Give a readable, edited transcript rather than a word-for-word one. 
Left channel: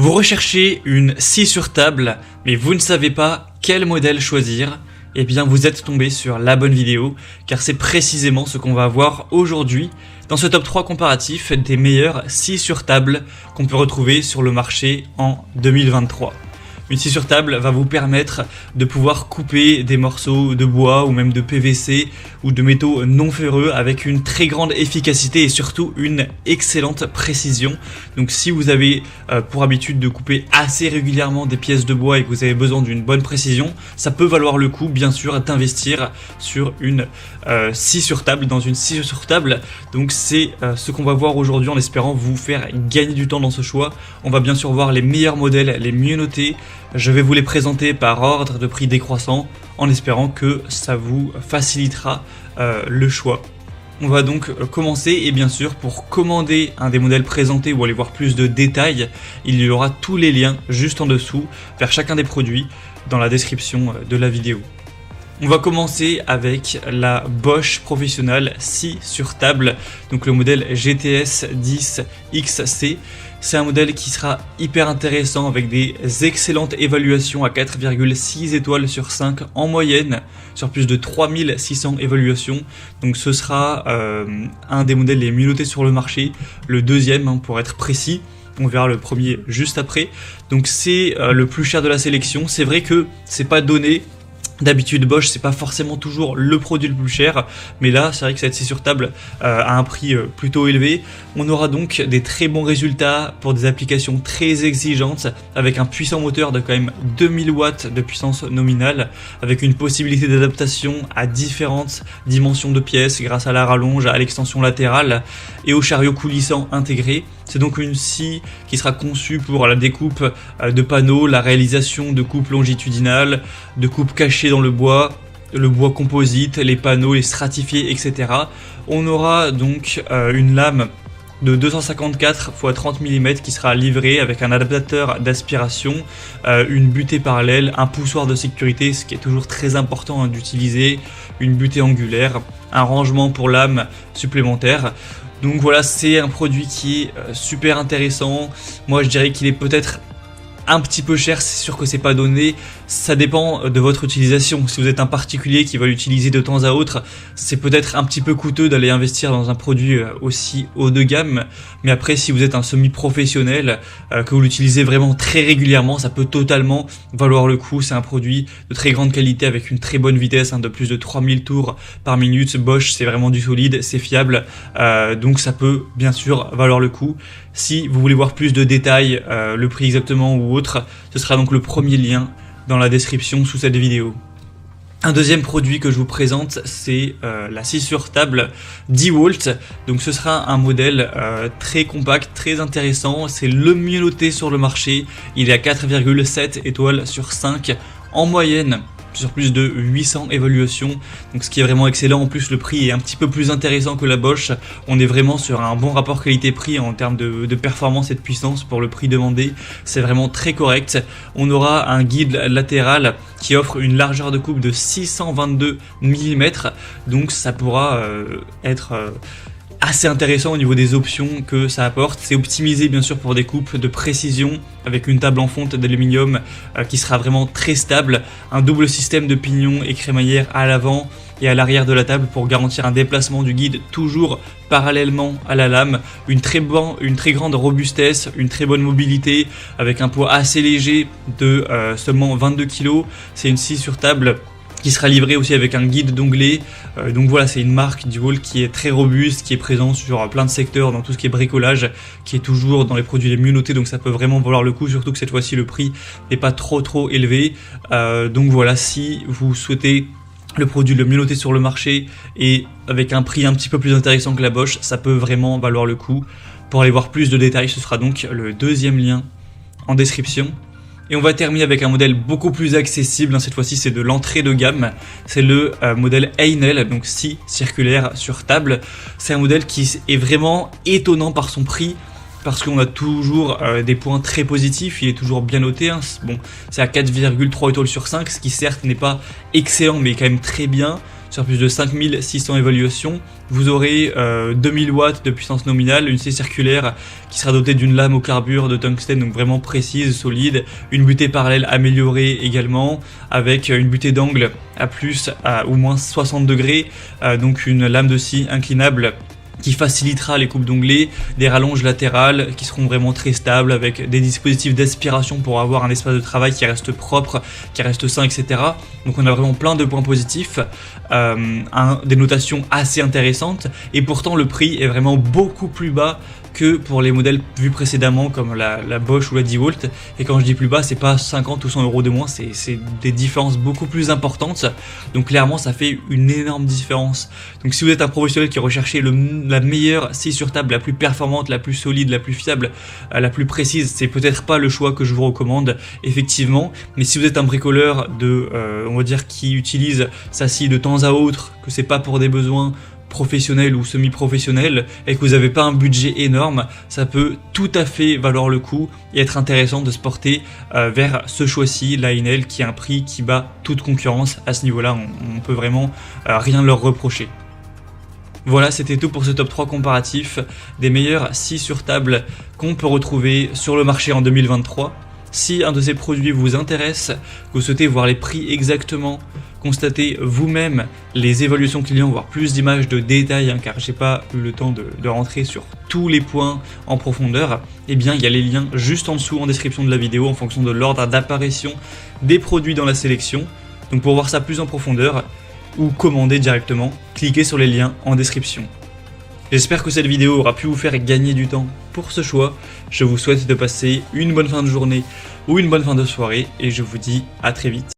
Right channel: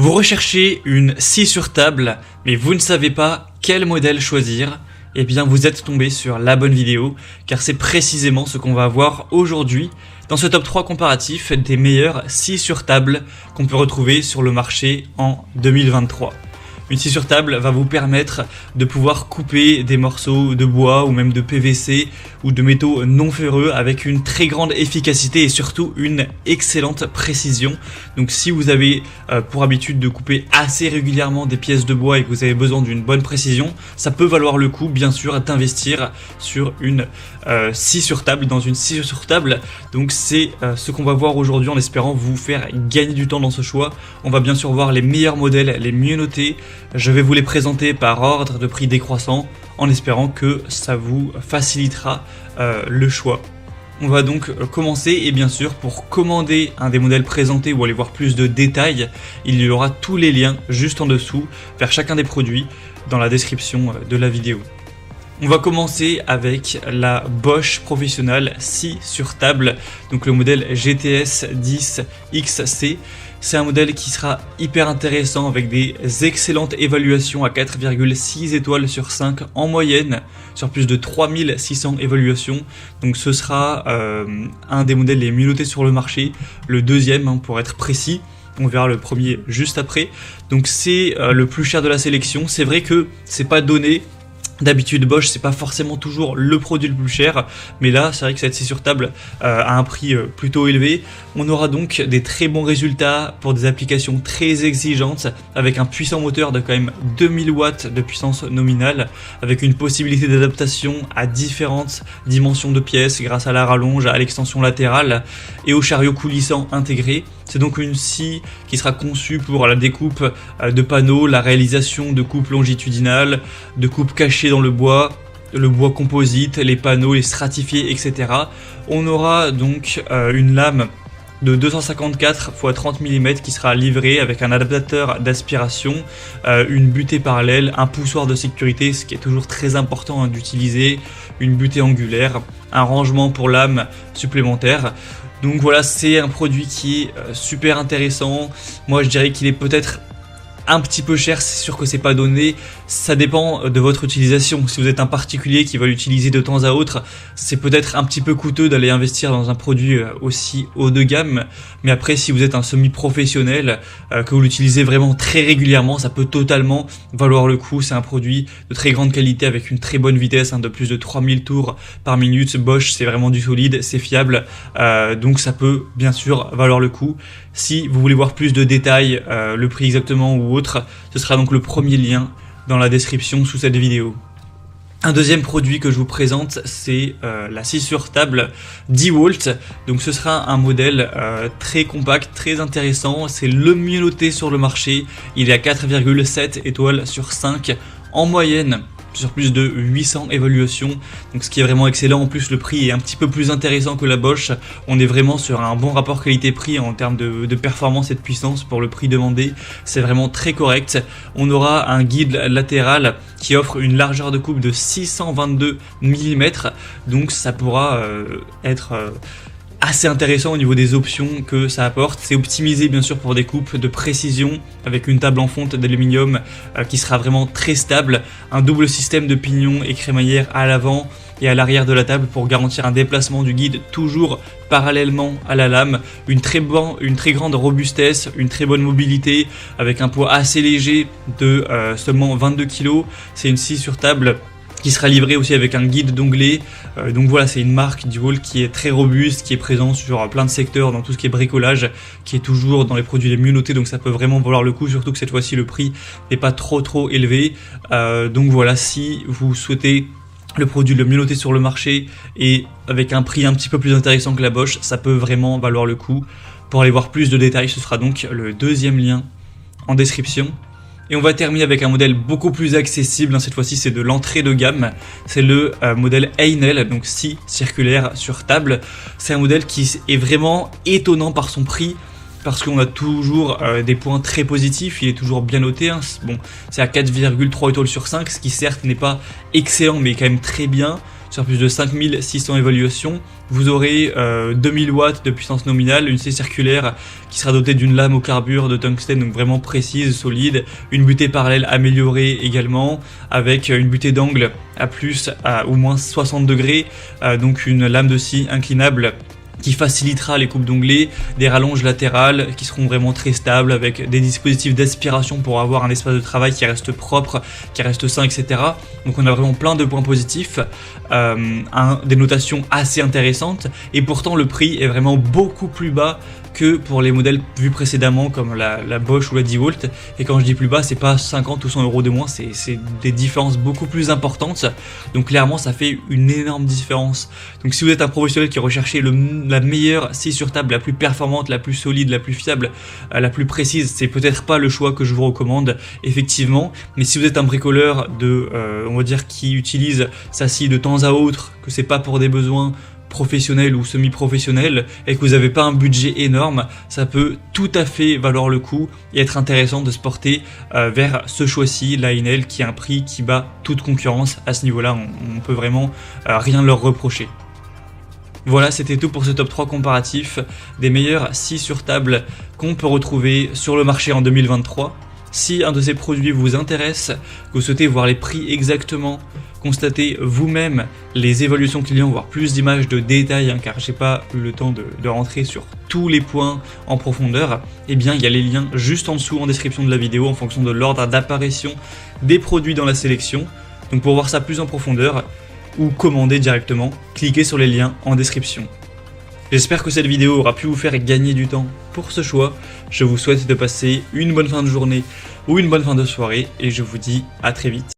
Vous recherchez une scie sur table, mais vous ne savez pas quel modèle choisir. Eh bien, vous êtes tombé sur la bonne vidéo, car c'est précisément ce qu'on va voir aujourd'hui dans ce top 3 comparatif des meilleures scies sur table qu'on peut retrouver sur le marché en 2023. Une scie sur table va vous permettre de pouvoir couper des morceaux de bois ou même de PVC ou de métaux non ferreux avec une très grande efficacité et surtout une excellente précision. Donc si vous avez pour habitude de couper assez régulièrement des pièces de bois et que vous avez besoin d'une bonne précision, ça peut valoir le coup bien sûr d'investir sur une scie sur table, dans une scie sur table. Donc c'est ce qu'on va voir aujourd'hui en espérant vous faire gagner du temps dans ce choix. On va bien sûr voir les meilleurs modèles, les mieux notés. Je vais vous les présenter par ordre de prix décroissant en espérant que ça vous facilitera le choix. On va donc commencer et bien sûr pour commander un des modèles présentés ou aller voir plus de détails, il y aura tous les liens juste en dessous vers chacun des produits dans la description de la vidéo. On va commencer avec la Bosch Professional scie sur table, donc le modèle GTS 10 XC. C'est un modèle qui sera hyper intéressant avec des excellentes évaluations à 4,6 étoiles sur 5 en moyenne, sur plus de 3600 évaluations. Donc ce sera un des modèles les mieux notés sur le marché, le deuxième pour être précis. On verra le premier juste après. Donc c'est le plus cher de la sélection. C'est vrai que c'est pas donné. D'habitude Bosch c'est pas forcément toujours le produit le plus cher, mais là c'est vrai que cette scie sur table a un prix plutôt élevé. On aura donc des très bons résultats pour des applications très exigeantes avec un puissant moteur de quand même 2000 watts de puissance nominale, avec une possibilité d'adaptation à différentes dimensions de pièces grâce à la rallonge, à l'extension latérale et au chariot coulissant intégré. C'est donc une scie qui sera conçue pour la découpe de panneaux, la réalisation de coupes longitudinales, de coupes cachées dans le bois composite, les panneaux, les stratifiés, etc. On aura donc une lame de 254 x 30 mm qui sera livrée avec un adaptateur d'aspiration, une butée parallèle, un poussoir de sécurité, ce qui est toujours très important d'utiliser, une butée angulaire, un rangement pour lame supplémentaire. Donc voilà, c'est un produit qui est super intéressant. Moi je dirais qu'il est peut-être un petit peu cher, c'est sûr que c'est pas donné, ça dépend de votre utilisation. Si vous êtes un particulier qui va l'utiliser de temps à autre, c'est peut-être un petit peu coûteux d'aller investir dans un produit aussi haut de gamme, mais après si vous êtes un semi-professionnel, que vous l'utilisez vraiment très régulièrement, ça peut totalement valoir le coup. C'est un produit de très grande qualité avec une très bonne vitesse, de plus de 3000 tours par minute. Bosch c'est vraiment du solide, c'est fiable, donc ça peut bien sûr valoir le coup. Si vous voulez voir plus de détails, le prix exactement ou autre, ce sera donc le premier lien dans la description sous cette vidéo. Un deuxième produit que je vous présente, c'est la scie sur table DeWalt. Donc ce sera un modèle très compact, très intéressant. C'est le mieux noté sur le marché. Il est à 4,7 étoiles sur 5 en moyenne, sur plus de 800 évaluations, donc ce qui est vraiment excellent. En plus le prix est un petit peu plus intéressant que la Bosch, on est vraiment sur un bon rapport qualité-prix en termes de performance et de puissance. Pour le prix demandé, c'est vraiment très correct. On aura un guide latéral qui offre une largeur de coupe de 622 mm, donc ça pourra être assez intéressant au niveau des options que ça apporte. C'est optimisé bien sûr pour des coupes de précision avec une table en fonte d'aluminium qui sera vraiment très stable, un double système de pignon et crémaillère à l'avant et à l'arrière de la table pour garantir un déplacement du guide toujours parallèlement à la lame, une très grande robustesse, une très bonne mobilité avec un poids assez léger de seulement 22 kg. C'est une scie sur table qui sera livrée aussi avec un guide d'onglet. Donc voilà, c'est une marque DeWalt qui est très robuste, qui est présente sur plein de secteurs, dans tout ce qui est bricolage, qui est toujours dans les produits les mieux notés, donc ça peut vraiment valoir le coup, surtout que cette fois-ci le prix n'est pas trop élevé. Donc voilà, si vous souhaitez le produit le mieux noté sur le marché et avec un prix un petit peu plus intéressant que la Bosch, ça peut vraiment valoir le coup. Pour aller voir plus de détails, ce sera donc le deuxième lien en description. Et on va terminer avec un modèle beaucoup plus accessible, cette fois-ci c'est de l'entrée de gamme, c'est le modèle Heinel, donc scie circulaire sur table. C'est un modèle qui est vraiment étonnant par son prix, parce qu'on a toujours des points très positifs, il est toujours bien noté, Bon, c'est à 4,3 étoiles sur 5, ce qui certes n'est pas excellent mais quand même très bien. sur plus de 5600 évaluations. Vous aurez 2000 watts de puissance nominale, une scie circulaire qui sera dotée d'une lame au carbure de tungstène, donc vraiment précise, solide, une butée parallèle améliorée également, avec une butée d'angle à plus ou moins 60 degrés, donc une lame de scie inclinable qui facilitera les coupes d'onglets, des rallonges latérales qui seront vraiment très stables, avec des dispositifs d'aspiration pour avoir un espace de travail qui reste propre, qui reste sain, etc. Donc on a vraiment plein de points positifs, des notations assez intéressantes, et pourtant le prix est vraiment beaucoup plus bas que pour les modèles vus précédemment comme la Bosch ou la DeWalt. Et quand je dis plus bas, c'est pas 50 ou 100 euros de moins, c'est des différences beaucoup plus importantes. Donc clairement ça fait une énorme différence. Donc si vous êtes un professionnel qui recherchez la meilleure scie sur table, la plus performante, la plus solide, la plus fiable, la plus précise, c'est peut-être pas le choix que je vous recommande effectivement. Mais si vous êtes un bricoleur on va dire qui utilise sa scie de temps à autre, que c'est pas pour des besoins professionnel ou semi-professionnel et que vous n'avez pas un budget énorme, ça peut tout à fait valoir le coup et être intéressant de se porter vers ce choix-ci, la Enel, qui a un prix qui bat toute concurrence à ce niveau-là. On peut vraiment rien leur reprocher. Voilà, c'était tout pour ce top 3 comparatif des meilleures scies sur table qu'on peut retrouver sur le marché en 2023. Si un de ces produits vous intéresse, que vous souhaitez voir les prix exactement, constater vous-même les évaluations clients, voir plus d'images de détails, car j'ai pas le temps de rentrer sur tous les points en profondeur, eh bien il y a les liens juste en dessous en description de la vidéo en fonction de l'ordre d'apparition des produits dans la sélection. Donc pour voir ça plus en profondeur ou commander directement, cliquez sur les liens en description. J'espère que cette vidéo aura pu vous faire gagner du temps pour ce choix. Je vous souhaite de passer une bonne fin de journée ou une bonne fin de soirée et je vous dis à très vite.